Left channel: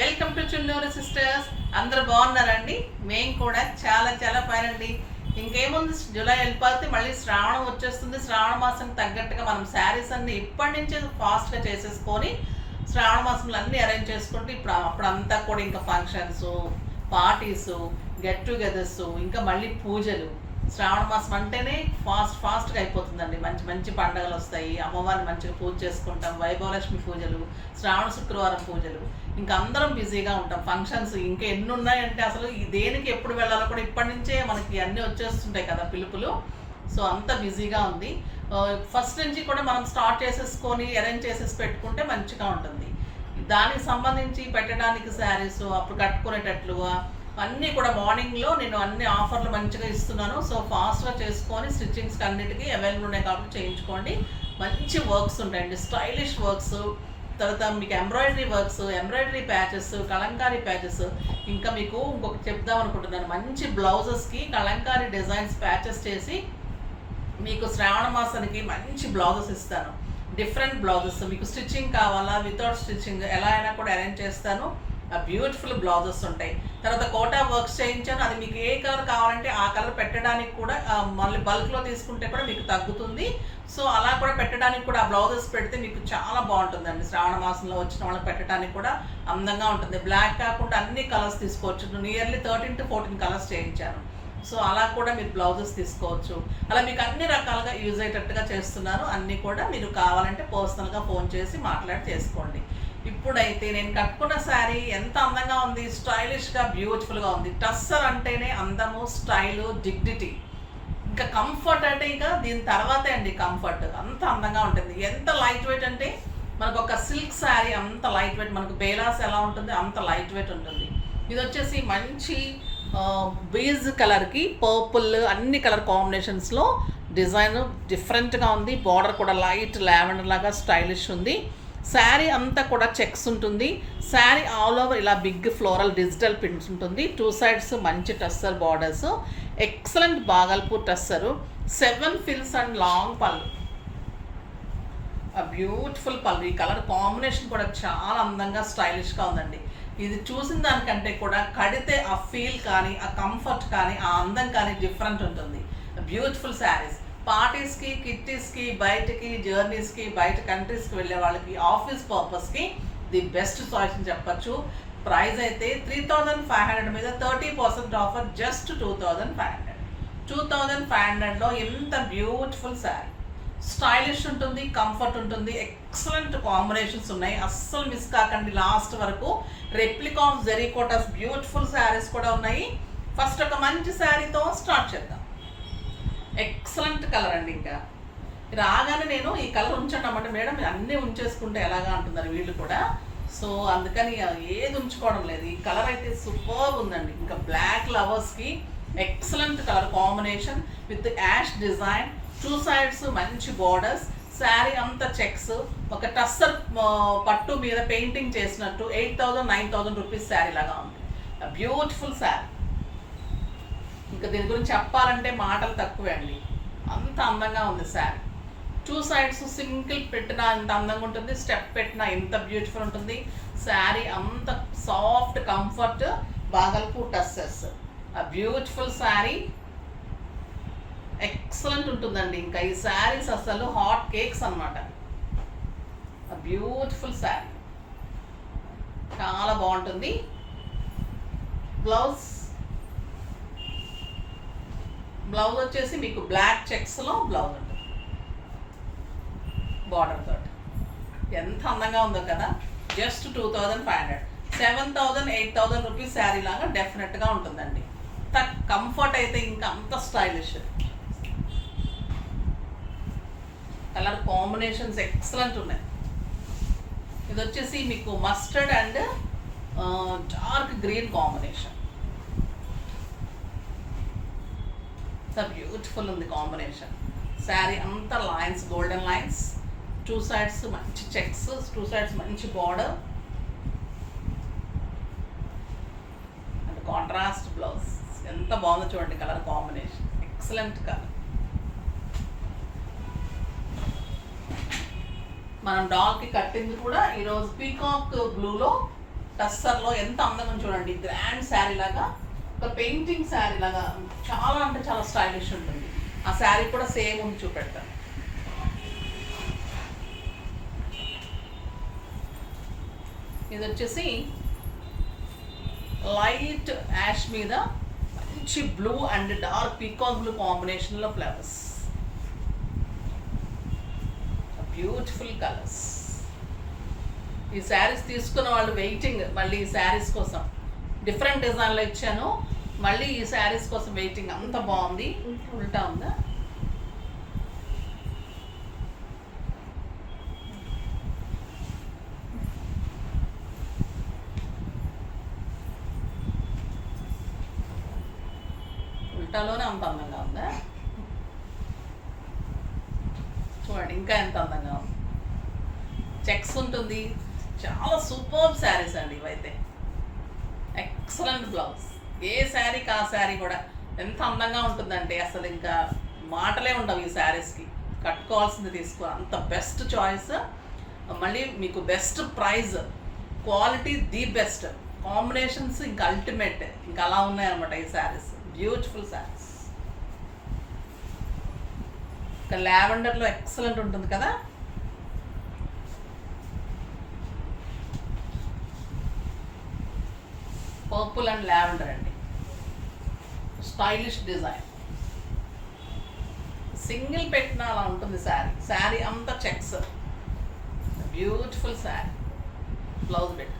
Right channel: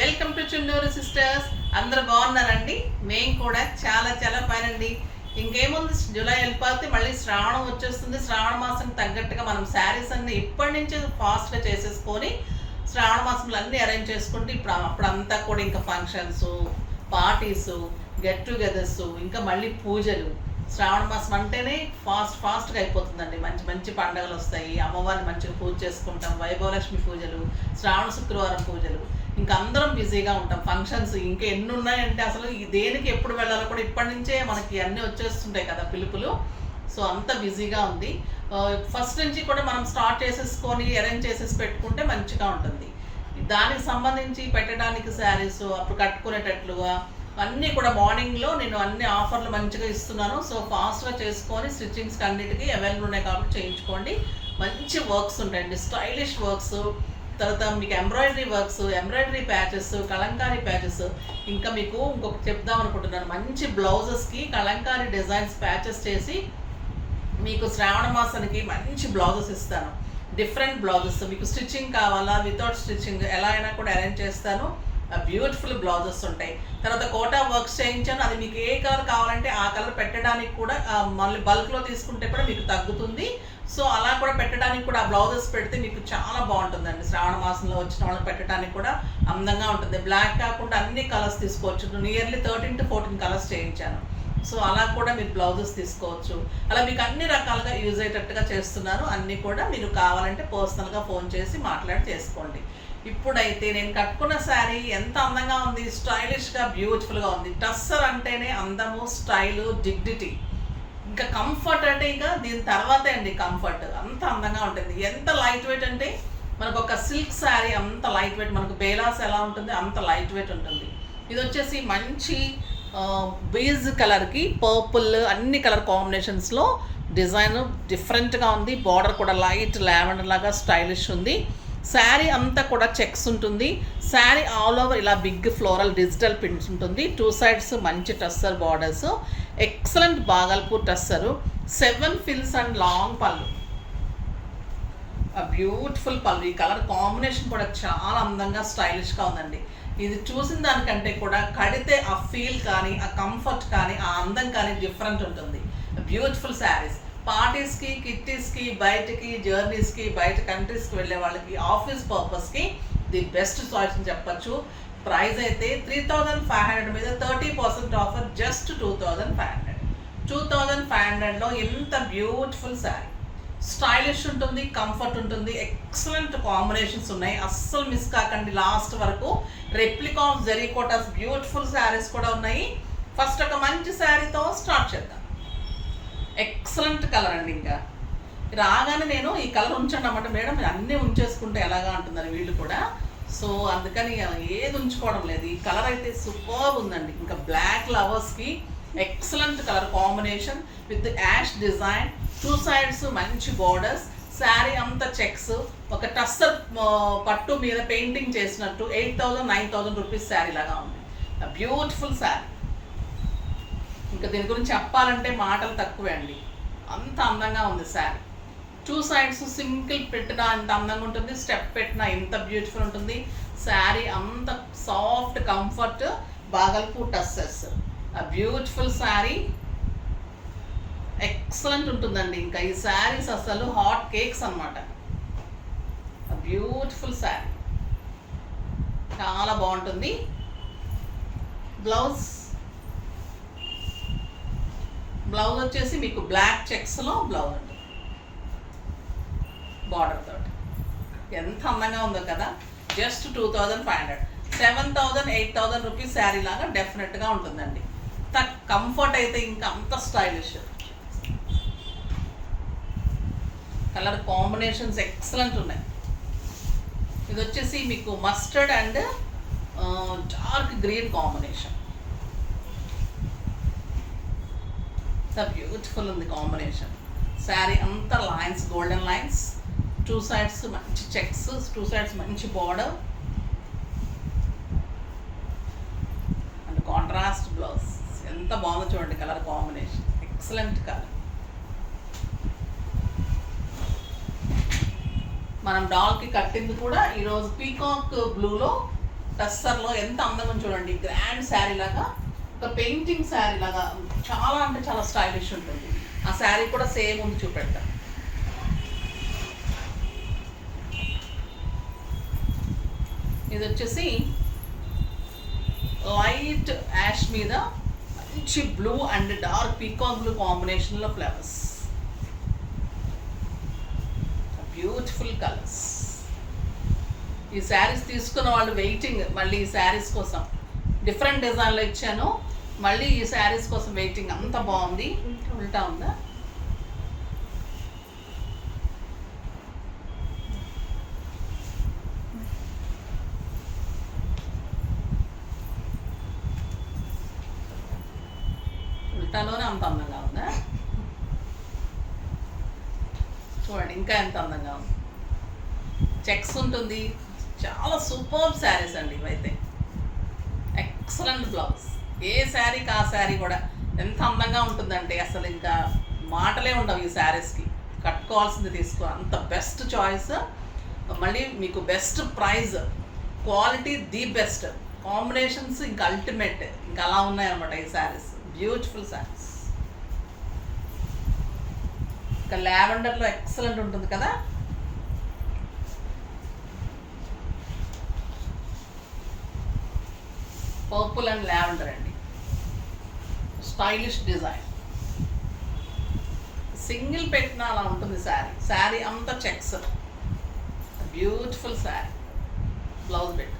Welcome to Chunduru sisters. అందరూ బాగున్నారండి? మేము కూడా చాలా చాలా ఫైన్ అండి. ఇంకేముంది, జూలై వెళ్ళిపోతే మళ్ళీ శ్రావణం వచ్చేస్తుంది. శ్రావణ మాసం తగ్గట్టుగా మనం శారీస్ అన్ని ఇప్పటి నుంచే ఫాస్ట్గా చేసేసుకొని శ్రావణ మాసంలో అన్నీ అరేంజ్ చేసుకుంటే అప్పుడంతా కూడా ఇంకా ఫంక్షన్స్, పార్టీసు, గెట్ టుగెదర్స్, ఇంకా మళ్ళీ పూజలు. శ్రావణ మాసం అంటేనే ఫాస్ట్గా అయిపోతుందండి. మంచి మంచి పండుగలు వస్తాయి. అమ్మవారిని మంచిగా పూజ చేసుకుంటాం. వైభవలక్ష్మి పూజలు, శ్రావణ శుక్రవారం పూజలు, ఇంకా అందరం బిజీగా ఉంటాం. ఫంక్షన్స్ ఇంకా ఎన్ని ఉన్నాయంటే అసలు దేనికి ఎప్పుడు వెళ్ళాలో కూడా ఇప్పటి నుంచే మనకి అన్నీ వచ్చేస్తుంటాయి కదా పిలుపులు. సో అంత బిజీగా ఉంది. ఫస్ట్ నుంచి కూడా మనం స్టార్ట్ చేసేసుకొని అరేంజ్ చేసేసి పెట్టుకుంటే మంచిగా ఉంటుంది. దానికి సంబంధించి పెట్టడానికి శారీస్ అప్పుడు కట్టుకునేటట్లుగా అన్నీ కూడా మార్నింగ్లో నేను అన్ని ఆఫర్లు మంచిగా ఇస్తున్నాను. సో ఫాస్ట్గా చేసుకొని స్టిచ్చింగ్స్కి అన్నిటికీ అవైలబుల్ ఉన్నాయి కాబట్టి చేయించుకోండి. మంచి వర్క్స్ ఉంటాయండి, స్టైలిష్ వర్క్స్. తర్వాత మీకు embroidery works, embroidery patches, Kalamkari patches. ఇంకా మీకు ఇంకొకటి చెప్దాం అనుకుంటున్నాను. మంచి బ్లౌజెస్కి కలంకారీ డిజైన్స్ ప్యాచెస్ చేసి మీకు శ్రావణ మాసానికి మంచి బ్లౌజెస్ ఇస్తాను. డిఫరెంట్ బ్లౌజెస్ మీకు స్టిచ్చింగ్ కావాలా, వితౌట్ స్టిచ్చింగ్ ఎలా అయినా కూడా అరేంజ్ చేస్తాను. బ్యూటిఫుల్ బ్లౌజెస్ ఉంటాయి. తర్వాత కోటా వర్క్స్ చేయించాను. అది మీకు ఏ కలర్ కావాలంటే ఆ కలర్ పెట్టడానికి కూడా మళ్ళీ బల్క్లో తీసుకుంటే కూడా మీకు తగ్గుతుంది. సో అలా కూడా పెట్టడానికి కూడా ఆ బ్లౌజెస్ పెడితే మీకు చాలా బాగుంటుందండి. శ్రావణ మాసంలో వచ్చిన వాళ్ళకి పెట్టడానికి కూడా అందంగా ఉంటుంది. బ్లాక్ కాకుండా అన్ని కలర్స్ తీసుకోవచ్చు. నియర్లీ 13 to 14 కలర్స్ చేయించాను. సో అలా కూడా మీరు బ్లౌజెస్ తీసుకోవచ్చు. అలా మీకు అన్ని రకాలుగా యూజ్ అయ్యేటట్టుగా చేస్తున్నాను. అన్నీ కూడా మీరు కావాలంటే పర్సనల్గా ఫోన్ చేసి మాట్లాడి చేసుకోండి. ఇప్పుడైతే నేను కట్టుకున్న శారీ ఎంత అందంగా ఉంది, స్టైలిష్గా బ్యూటిఫుల్గా ఉంది. టస్సర్ అంటేనే అందము, స్టైలు, డిగ్నిటీ. ఇంకా కంఫర్ట్ అంటే ఇంకా దీని తర్వాతే అండి కంఫర్ట్. అంత అందంగా ఉంటుంది. ఎంత లైట్ వెయిట్ అంటే మనకు ఒక సిల్క్ శారీ అంత లైట్ వెయిట్. మనకు బేలాస్ ఎలా ఉంటుంది అంత లైట్ వెయిట్ ఉంటుంది. ఇది వచ్చేసి మంచి బీజ్ కలర్కి పర్పుల్ అన్ని కలర్ కాంబినేషన్స్లో డిజైన్ డిఫరెంట్గా ఉంది. బార్డర్ కూడా లైట్ లావెండర్ లాగా స్టైలిష్ ఉంది. శారీ అంతా కూడా చెక్స్ ఉంటుంది. శారీ ఆల్ ఓవర్ ఇలా బిగ్ ఫ్లోరల్ డిజిటల్ ప్రింట్స్ ఉంటుంది. 2 sides మంచి tussar borders, excellent Bhagalpur tussar, 7 fills and long పళ్ళు, బ్యూటిఫుల్ పళ్ళు. ఈ కలర్ కాంబినేషన్ కూడా చాలా అందంగా స్టైలిష్గా ఉందండి. ఇది చూసిన దానికంటే కూడా కడితే ఆ ఫీల్ కానీ, ఆ కంఫర్ట్ కానీ, ఆ అందం కానీ డిఫరెంట్ ఉంటుంది. బ్యూటిఫుల్ శారీస్ పార్టీస్కి, కిట్టీస్కి, బయటకి జర్నీస్కి, బయట కంట్రీస్కి వెళ్ళే వాళ్ళకి, ఆఫీస్ పర్పస్కి ది బెస్ట్ చాయిస్ అని చెప్పచ్చు. ప్రైస్ అయితే 3500 మీద 30% ఆఫర్, జస్ట్ 2500. 2500లో ఎంత బ్యూటిఫుల్ శారీ, స్టైలిష్ ఉంటుంది, కంఫర్ట్ ఉంటుంది, ఎక్సలెంట్ కాంబినేషన్స్ ఉన్నాయి. అస్సలు మిస్ కాకండి లాస్ట్ వరకు. రెప్లికా ఆఫ్ జెరీకోటాస్ బ్యూటిఫుల్ శారీస్ కూడా ఉన్నాయి. ఫస్ట్ ఒక మంచి శారీతో స్టార్ట్ చేద్దాం. ఎక్సలెంట్ కలర్ అండి. ఇంకా రాగానే నేను ఈ కలర్ ఉంచండి అన్నమాట. మేడం అన్నీ ఉంచేసుకుంటే ఎలాగా అంటున్నారు వీళ్ళు కూడా. సో అందుకని ఏది ఉంచుకోవడం లేదు. ఈ కలర్ అయితే సూపర్ ఉందండి. ఇంకా బ్లాక్ లవర్స్కి excellent colour combination with ash design, 2 sides మంచి బార్డర్స్, శారీ అంతా చెక్స్, ఒక టస్సర్ పట్టు మీద పెయింటింగ్ చేసినట్టు 8,000-9,000 రూపీస్ శారీ లాగా ఉంది. బ్యూటిఫుల్ శారీ. ఇంకా దీని గురించి చెప్పాలంటే మాటలు తక్కువే అండి. అంత అందంగా ఉంది శారీ. 2 sides సింగిల్ పెట్టినా ఎంత అందంగా ఉంటుంది, స్టెప్ పెట్టినా ఎంత బ్యూటిఫుల్ ఉంటుంది. శారీ అంత soft comfort, Bhagalpur tussars. Beautiful sari, excellent ఉంటుందండి. ఇంకా ఈ శారీస్ అసలు హాట్ కేక్స్ అనమాట. బ్యూటిఫుల్ శారీ చాలా బాగుంటుంది. బ్లౌజ్ వచ్చేసి మీకు బ్లాక్ చెక్స్లో బ్లౌజ్ ఉంటుంది బార్డర్ తోటి. ఎంత అందంగా ఉందో కదా. జస్ట్ 2500, 7,000-8,000 రూపీస్ శారీ లాగా డెఫినెట్గా ఉంటుందండి. కంఫర్ట్ అయితే ఇంకా అంత స్టైలిష్. కలర్ కాంబినేషన్స్ ఎక్సలెంట్ ఉన్నాయి. ఇది వచ్చేసి మీకు mustard and dark green combination. Beautiful ఉంది కాంబినేషన్. శారీ అంతా లైన్స్, గోల్డెన్ లైన్స్, 2 sides మంచి చెక్స్, 2 sides మంచి బార్డర్ అండ్ కాంట్రాస్ట్ బ్లౌజ్. ఎంత బాగుందో చూడండి కలర్ కాంబినేషన్, ఎక్సలెంట్ కలర్. మనం డాల్కి కట్టింది కూడా ఈరోజు పీకాక్ బ్లూలో టస్సర్లో ఎంత అందంగా చూడండి, గ్రాండ్ శారీ లాగా, ఒక పెయింటింగ్ శారీ లాగా చాలా అంటే చాలా స్టైలిష్ ఉంటుంది. ఆ శారీ కూడా సేమ్ ఉంది, చూపెడతా. ఇది వచ్చేసి లైట్ యాష్ మీద మంచి blue and dark peacock blue కాంబినేషన్లో ఫ్లవర్స్, బ్యూటిఫుల్ కలర్స్. ఈ శారీస్ తీసుకున్న వాళ్ళు వెయిటింగ్ మళ్ళీ ఈ శారీస్ కోసం. డిఫరెంట్ డిజైన్లో ఇచ్చాను, మళ్ళీ ఈ శారీస్ కోసం వెయిటింగ్. అంత బాగుంది. ఉల్టా ఉందా? ఉల్టాలోనే అంత అందంగా ఉందా? చూడండి ఇంకా ఎంత అందంగా ఉంది. చెక్స్ ఉంటుంది. చాలా సూపర్ శారీస్ అండి ఇవైతే. Excellent blouse. ఏ శారీకి ఆ శారీ కూడా ఎంత అందంగా ఉంటుందంటే అసలు ఇంకా మాటలే ఉండవు ఈ శారీస్కి. కట్టుకోవాల్సింది తీసుకో, అంత బెస్ట్ చాయిస్. మళ్ళీ మీకు best price, quality the best, combinations ఇంకా అల్టిమేట్, ఇంకా అలా ఉన్నాయన్నమాట ఈ శారీస్. బ్యూటిఫుల్ శారీస్. ఇంకా లావెండర్లో ఎక్సలెంట్ ఉంటుంది కదా. పర్పుల్ అండ్ లావెండర్ అండి, స్టైలిష్ డిజైన్. సింగిల్ పెట్టిన అలా ఉంటుంది శారీ. శారీ అంతా చెక్స్, బ్యూటిఫుల్ శారీ. బ్లౌజ్ పెట్,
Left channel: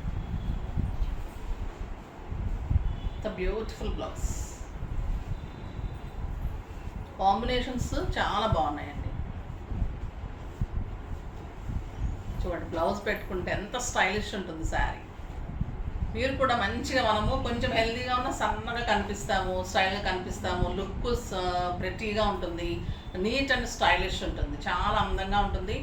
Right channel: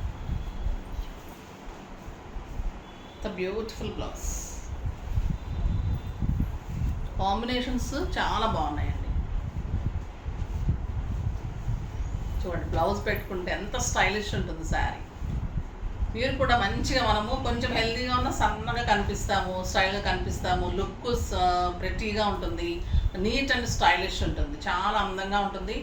బ్యూటిఫుల్ బ్లౌజ్. కాంబినేషన్స్ చాలా బాగున్నాయండి. చూడండి బ్లౌజ్ పెట్టుకుంటే ఎంత స్టైలిష్ ఉంటుంది శారీ. మీరు కూడా మంచిగా, మనము కొంచెం హెల్తీగా ఉన్న సన్నగా కనిపిస్తాము, స్టైల్గా కనిపిస్తాము, లుక్ ప్రెట్టీగా ఉంటుంది, నీట్ అండ్ స్టైలిష్ ఉంటుంది, చాలా అందంగా ఉంటుంది.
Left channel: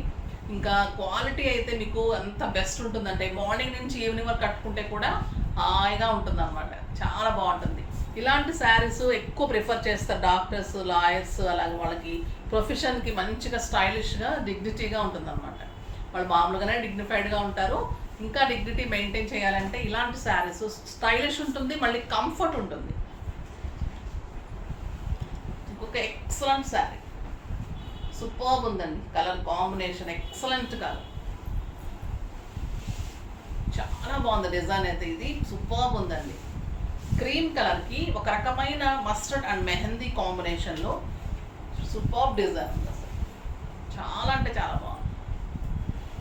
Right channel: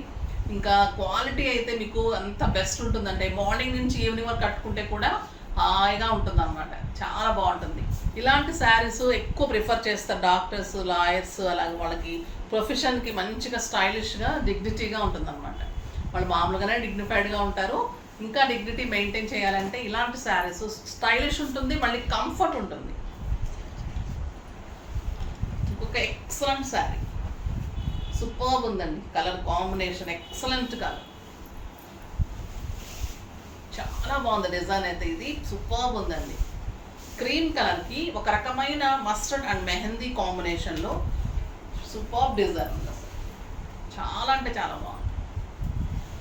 ఇంకా క్వాలిటీ అయితే మీకు అంత బెస్ట్ ఉంటుందంటే మార్నింగ్ నుంచి ఈవినింగ్ వరకు కట్టుకుంటే కూడా హాయిగా ఉంటుంది అనమాట. చాలా బాగుంటుంది. ఇలాంటి శారీస్ ఎక్కువ ప్రిఫర్ చేస్తారు డాక్టర్స్, లాయర్స్, అలాగే వాళ్ళకి ప్రొఫెషన్కి మంచిగా స్టైలిష్గా డిగ్నిటీగా ఉంటుంది అనమాట. వాళ్ళు మామూలుగానే డిగ్నిఫైడ్గా ఉంటారు, ఇంకా డిగ్నిటీ మెయింటైన్ చేయాలంటే ఇలాంటి శారీస్ స్టైలిష్ ఉంటుంది, మళ్ళీ కంఫర్ట్ ఉంటుంది. ఇంకొక ఎక్సలెంట్ శారీ, సూపర్బ్ ఉందండి. కలర్ కాంబినేషన్ ఎక్సలెంట్ కలర్, చాలా బాగుంది డిజైన్ అయితే. ఇది సూపర్బ్ ఉందండి. క్రీమ్ కలర్కి ఒక రకమైన మస్టర్డ్ అండ్ మెహందీ కాంబినేషన్లో సూపర్బ్ డిజైన్ ఉంది అసలు. చాలా అంటే చాలా బాగుంది.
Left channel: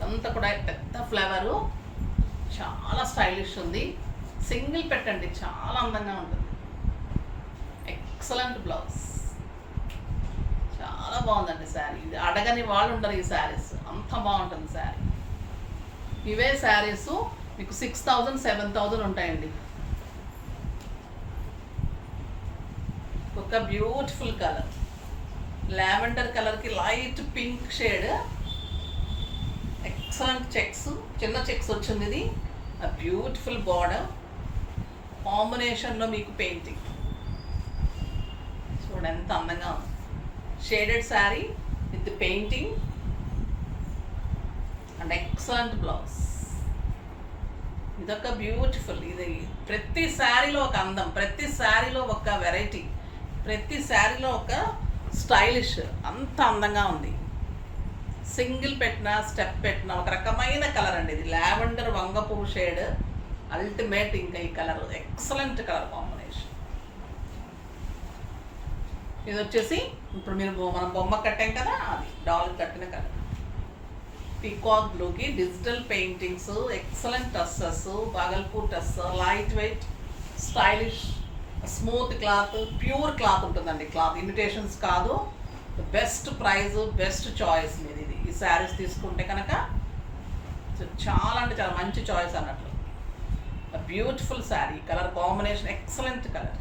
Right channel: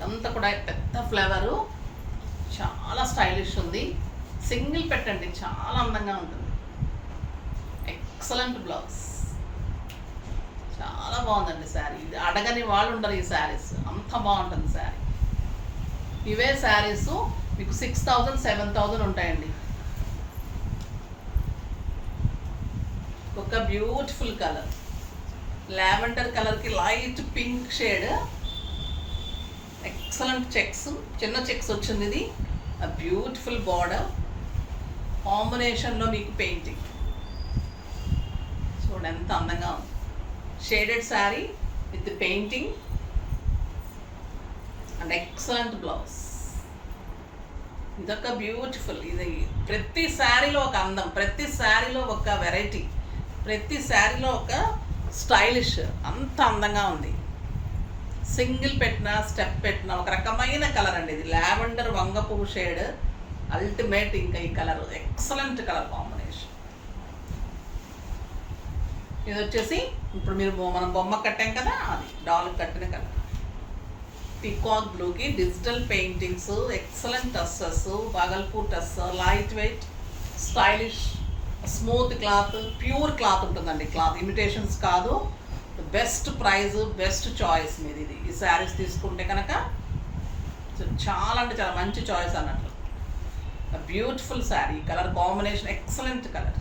అంతా కూడా పెద్ద ఫ్లేవరు, చాలా స్టైలిష్ ఉంది. సింగిల్ పెట్టండి, చాలా అందంగా ఉంటుంది. ఎక్సలెంట్ బ్లౌజ్, చాలా బాగుందండి శారీ. ఇది అడగని వాళ్ళు ఉండరు ఈ శారీస్, అంత బాగుంటుంది శారీ. ఇవే శారీస్ మీకు 6,000 7,000 ఉంటాయండి. ఒక బ్యూటిఫుల్ కలర్, లావెండర్ కలర్కి light pink shade, excellent checks, చిన్న చెక్స్ వచ్చింది. ఇది బ్యూటిఫుల్ బార్డర్ కాంబినేషన్లో మీకు పెయింటింగ్ చూడండి ఎంత అందంగా ఉంది. Shaded sari with painting and excellent blouse. ఇదొక బ్యూటిఫుల్. ఇది ప్రతి శారీలో ఒక అందం, ప్రతి శారీలో ఒక వెరైటీ, ప్రతి శారీలో ఒక స్టైలిష్, అంత అందంగా ఉంది. సింగిల్ పెట్టిన, స్టెప్ పెట్టిన ఒక రకమైన కలర్ అండి. ఇది లావెండర్ వంగపువ్వు షేడ్, అల్టిమేట్. ఇంకా ఈ కలర్ ఎక్సలెంట్ కలర్ కాంబినేషన్. ఇది వచ్చేసి ఇప్పుడు మనం బొమ్మ కట్టాం కదా, అది డాల్ కట్టిన కలర్. పీకాక్ బ్లూకి digital paintings, excellent tassels, Bhagalpur tussar, light weight, stylish, smooth cloth, pure cloth ఉంటుందండి. క్లాత్ ఇమిటేషన్స్ కాదు. బెస్ట్ ప్రైజ్, బెస్ట్ చాయిస్ మీది ఇది. ఈ శారీస్ తీసుకుంటే కనుక చాలా అంటే చాలా మంచి చాయిస్ అన్నట్లు. Beautiful sari, colour combination excellent colour.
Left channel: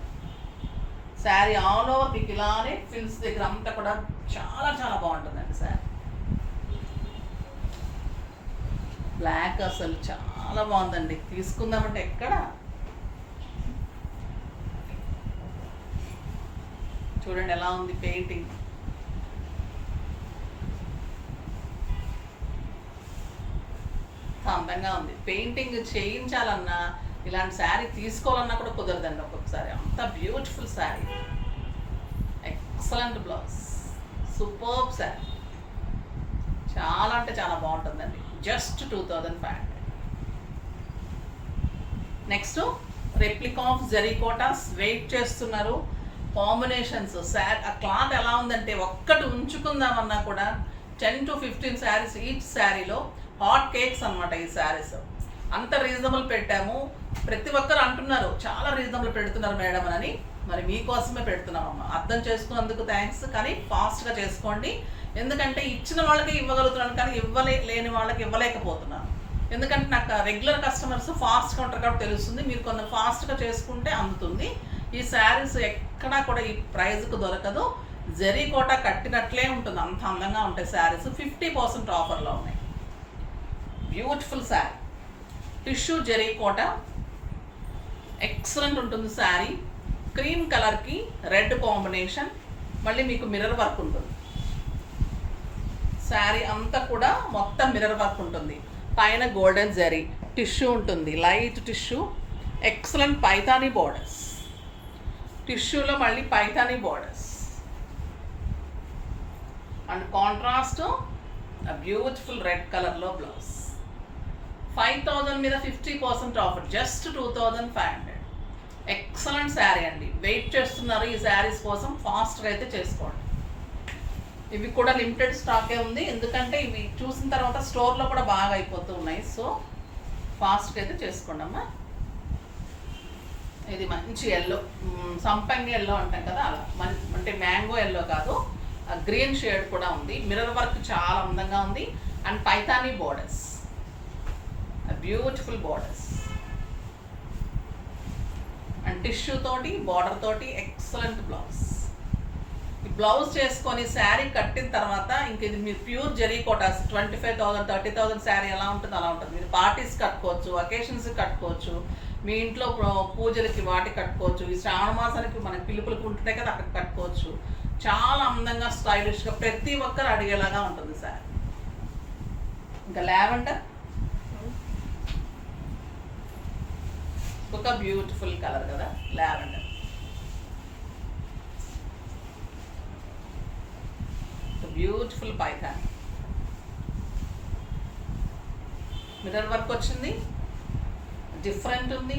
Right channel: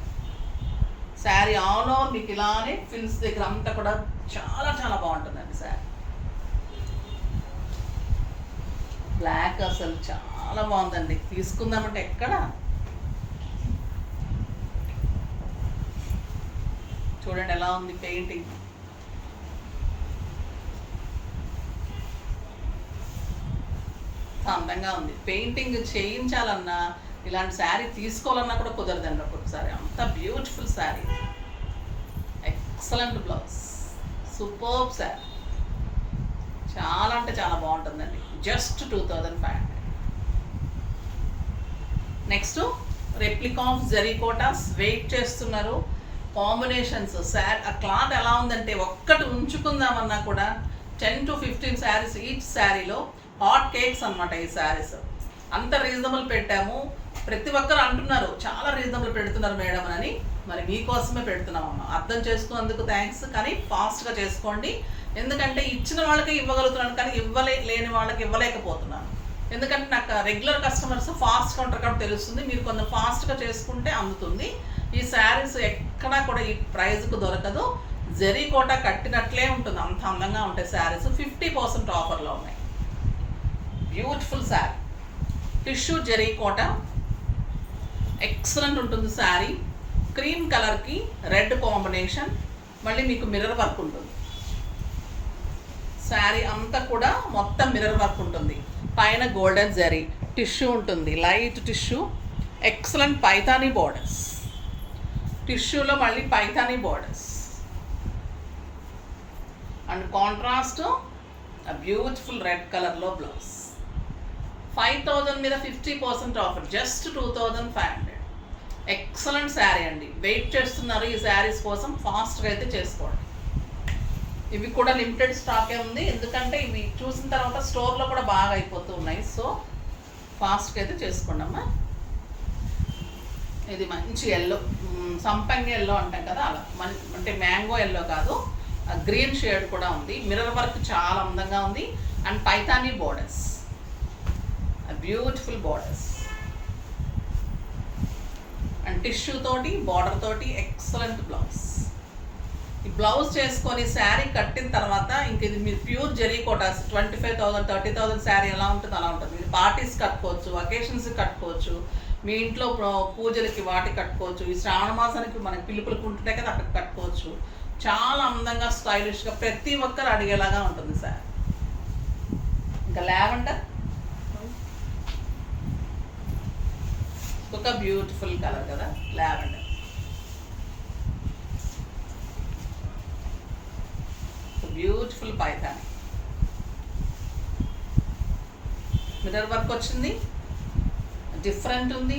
Sari all over మీకు ఇలానే ఫిల్స్ దగ్గర అంతా కూడా చాలా చాలా బాగుంటుందండి శారీ. బ్లాక్ అసలు చాలా బాగుందండి. తీసుకుందామంటే ఎక్కడ. చూడండి ఎలా ఉంది పెయింటింగ్. అందంగా ఉంది. పెయింటింగ్ చేయించాలన్నా ఇలాంటి శారీ తీసుకోవాలన్నా కూడా కుదరదండి ఒక్కొక్కసారి. అంత beautiful sari, excellent blouse, superb sari, చాలా అంటే చాలా బాగుంటుందండి. జస్ట్ 2500. నెక్స్ట్ రెప్లికా ఆఫ్ జరీకోటాస్. వెయిట్ చేస్తున్నారు కాంబినేషన్స్. శారీ ఆ క్లాత్ ఎలా ఉందంటే ఒక్కటి ఉంచుకుందామన్నా కూడా 10 to 15 శారీస్ ఈచ్ శారీలో. హాట్ కేక్స్ అనమాట ఈ శారీస్. అంత రీజనబుల్ పెట్టాము. ప్రతి ఒక్కరు అంటున్నారు చాలా రీజనబుల్ పెడుతున్నారు మేడం అని. మరి మీకోసమే పెడుతున్నామమ్మా. అర్థం చేసుకున్నందుకు థ్యాంక్స్. కానీ ఫాస్ట్గా చేసుకోండి. ఎందుకంటే ఇచ్చిన వాళ్ళకి ఇవ్వగలుగుతున్నాను, కానీ లేని వాళ్ళకి ఇవ్వలేకపోతున్నాను. ఎందుకంటే నాకు రెగ్యులర్ కస్టమర్స్ ఫాస్ట్గా ఉంటారు కాబట్టి తెలుస్తుంది. మీరు కొంచెం ఫాస్ట్గా చేసుకుంటే అందుతుంది. ఈ శారీస్ ఎక్కడా కూడా ఈ ప్రైజ్కు దొరకదు. జరీకోట కట్టినట్లే ఉంటుంది, అంత అందంగా ఉంటాయి శారీస్. 50% ఆఫర్లో ఉన్నాయి. Beautiful sari, tissue zari kota, excellent ఉంటుంది శారీ. క్రీమ్ కలర్కి రెడ్ కాంబినేషన్, మళ్ళీ మీకు మిర్రర్ వర్క్ ఉంటుంది. శారీ అంతా కూడా మొత్తం మిర్రర్ వర్క్ ఉంటుంది. పైన గోల్డెన్ జరీ టిష్యూ ఉంటుంది, light tissue. Excellent Paithani borders, టిష్యూలో మళ్ళీ Paithani borders and contrast beautiful red కలర్లో బ్లౌజ్. 5000 మీద 50% ఆఫర్, జస్ట్ 2500. ఎక్సలెంట్ శారీ అండి. వెయిట్ చేస్తున్నారు ఈ శారీస్ కోసం, ఫాస్ట్గా అయితే చేసుకోండి. ఇవి కూడా లిమిటెడ్ స్టాకే ఉంది, ఎందుకంటే ఇవి చూసిన తర్వాత స్టోర్లో కూడా బాగా అయిపోతూ ఉన్నాయి. సో ఫాస్ట్గా అయితే చేసుకోండి అమ్మా. ఇది మంచి ఎల్లో, సంపంగి ఎల్లో అంటాం కదా, అలా అంటే మ్యాంగో ఎల్లో కాదు, గ్రీన్ షేడ్ కూడా ఉంది. మిర్రర్ వర్క్ చాలా అందంగా ఉంది. And Paithani borders, beautiful borders and tissue తోటి బార్డర్ తోటి ఎక్సలెంట్ బ్లౌజ్. ఈ బ్లౌజ్ చేసుకొని శారీ కట్టిన తర్వాత ఇంక ఇది మీరు ప్యూర్ జరీ కోటాస్. 25,000 30,000 శారీ ఎలా ఉంటుంది అలా ఉంటుంది. మీరు పార్టీస్ కట్టుకోవచ్చు, అకేషన్స్కి కట్టుకోవచ్చు, మీ ఇంట్లో పూజలకి వాటికి కట్టుకోవచ్చు. ఈ శ్రావణ మాసానికి మనకి పిలుపులకు ఉంటుంటాయి కదా, అక్కడికి కట్టుకోవచ్చు. చాలా అందంగా స్టైలిష్గా ప్రతి ఒక్కరు అడిగేలాగా ఉంటుంది శారీ. ఇంకా లావెండర్ ఒక బ్యూటిఫుల్ కలర్ కదా, lavender. Beautiful Paithani, mirror work వచ్చింది, డిఫరెంట్ ఉంది,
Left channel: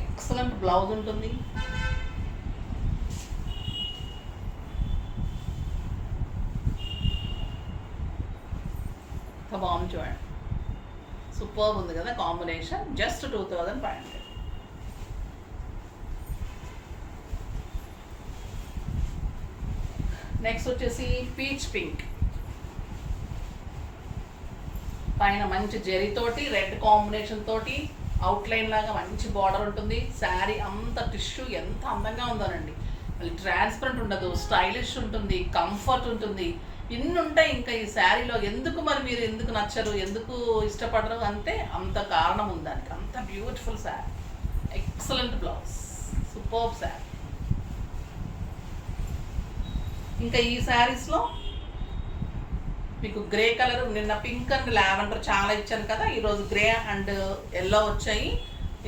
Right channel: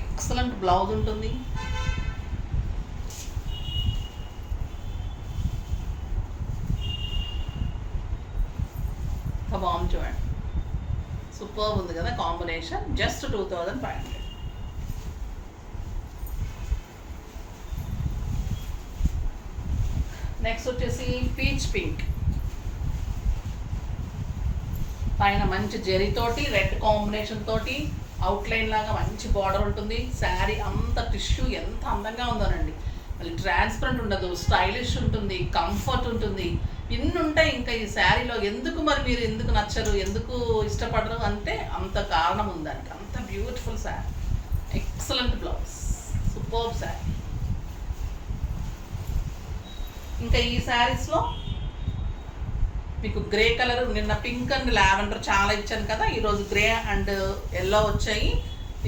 ఎక్సలెంట్ బ్లౌజ్ ఉంటుంది. బాగుంది చూడండి, సూపర్ ఉంది కదా కాంబినేషన్. జస్ట్ 2500. నెక్స్ట్ వచ్చేసి పీచ్ పింక్, పైన మంచి జరీతోటి రెడ్ కాంబినేషన్ తోటి అవుట్లైన్ లాగా మంచి బార్డర్ ఉంటుంది. శారీ అంత టిష్యూ ఎంత అందంగా ఉందోనండి. మళ్ళీ ట్రాన్స్పరెంట్ ఉండదు, స్టైలిష్ ఉంటుంది, కంఫర్ట్ ఉంటుంది. ఇన్ని ఉంటాయి ఇంకా ఈ శారీలో. ఎందుకు మరి మీరు ఎందుకు నచ్చరు, ఎందుకు ఇష్టపడరు అంటే అంత కారణం ఉంది దానికి. అంత beautiful sari, excellent blouse, superb sari. ఇంకా ఈ శారీస్లో మీకు గ్రే కలర్, నిన్న పింక్ అండ్ లావెండర్ చాలా ఇచ్చాను కదా, ఈరోజు గ్రే అండ్ ఎల్లో వచ్చాయి.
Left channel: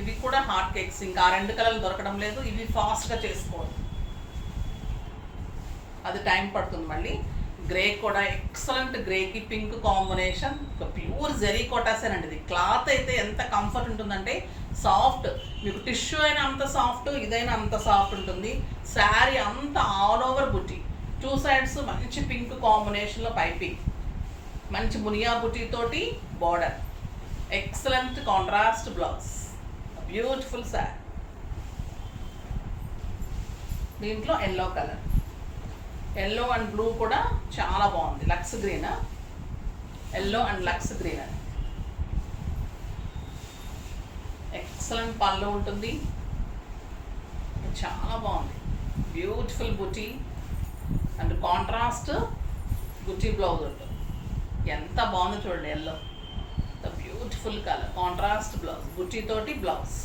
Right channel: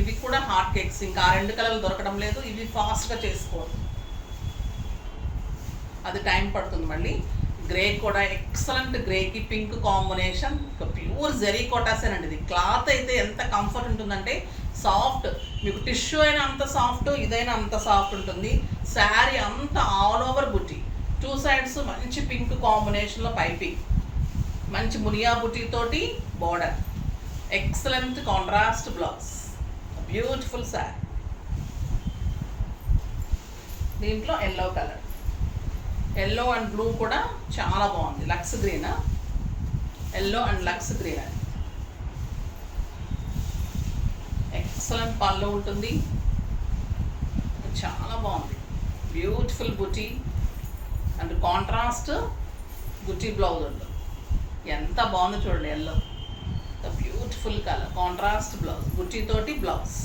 ఇవి కూడా హాట్ కేక్స్. ఇంకా ఆ 2 కలర్లు దొరకడం లేదు. ఇవి ఫాస్ట్గా చేసుకోండి, అది టైం పడుతుంది. మళ్ళీ గ్రే కూడా ఎక్సలెంట్, గ్రేకి పింక్ కాంబినేషన్. ప్యూర్ జరీ కోటాసేనండి. ఇది క్లాత్ అయితే ఎంత కంఫర్ట్ ఉంటుందంటే సాఫ్ట్, మీకు టిష్యూ అయినా అంత సాఫ్ట్, ఇదైనా అంత సాఫ్ట్ ఉంటుంది. శారీ అంతా ఆల్ ఓవర్ బుటీ, 2 సైడ్స్ మంచి పింక్ కాంబినేషన్లో పైపింగ్, మంచి మునియా బుటీ తోటి border, excellent contrast blouse, beautiful sari. దీంట్లో yellow colour, yellow and blue కూడా చాలా బాగుంది. Lux green, yellow and lux green అని ఎక్సలెంట్ పళ్ళు ఉంటుంది. చాలా బాగుంది, beautiful buti and contrast buti blouse ఉంటుంది. ఎంత బాగుందో చూడండి, yellow beautiful colour, contrast blouse, బుటీ తోటి బ్లౌజ్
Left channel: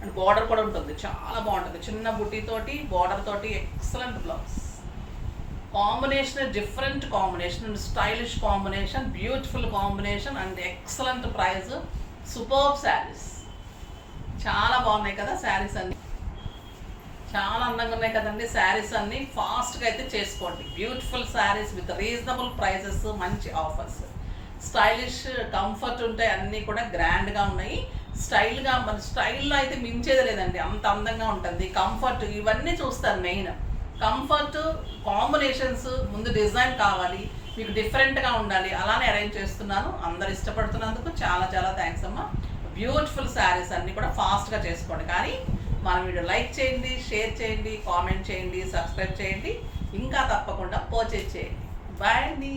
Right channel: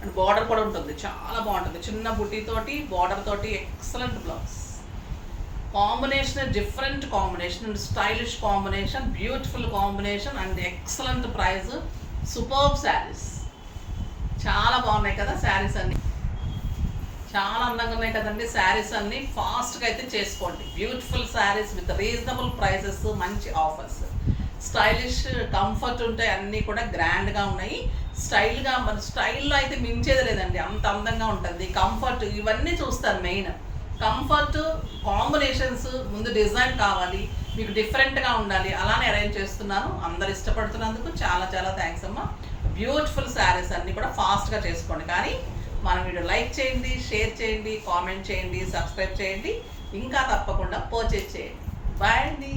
అండ్ బార్డర్ కూడా ఉంటుంది. చాలా బాగుంటుంది, చిన్న బుటీ తోటి బార్డర్ తోటి excellent blouse. Combination different combination and stylish combination, beautiful combination and excellent price, superb saris. చాలా బాగున్నాయి కదా శారీస్ అన్నీ, చాలా అందంగా ఉన్నాయి కదండి శారీస్ అన్నీ. ఫాస్ట్గా అయితే చేసుకోండి. Beautiful saris with reasonable prices, మంచి ఆఫర్స్, స్టైలిష్, కంఫర్ట్ ఉంటాయి, అన్నీ కూడా గ్రాండ్గా ఉన్నాయి. స్టైల్గా, మన స్టైల్లో అయితే మించేది లేదండి, అంత అందంగా ఉంటుంది. కంఫర్ట్ ఇవన్నీ చూస్తారు మెయిన్. కంఫర్ట్, కాంబినేషన్స్, ముందు డిజైన్ కావాలి మీకు, డిఫరెంట్గా ఉండాలి, అలానే అరేంజ్ చేస్తున్నాను. అందరు ఇష్టపడుతున్నందుకు చాలా చాలా థ్యాంక్స్ అమ్మా. బ్యూటిఫుల్ శారీస్ అన్నీ కూడా ఫాస్ట్గా చేసుకోండి. కానీ మన వీడియో లైక్ చేయండి, షేర్ చేయండి, కామెంట్ చేయండి, సబ్స్క్రైబ్ చేయండి, ఇంకా తప్పకుండా పర్చేజ్ చేయండి. బాయ్ అండి.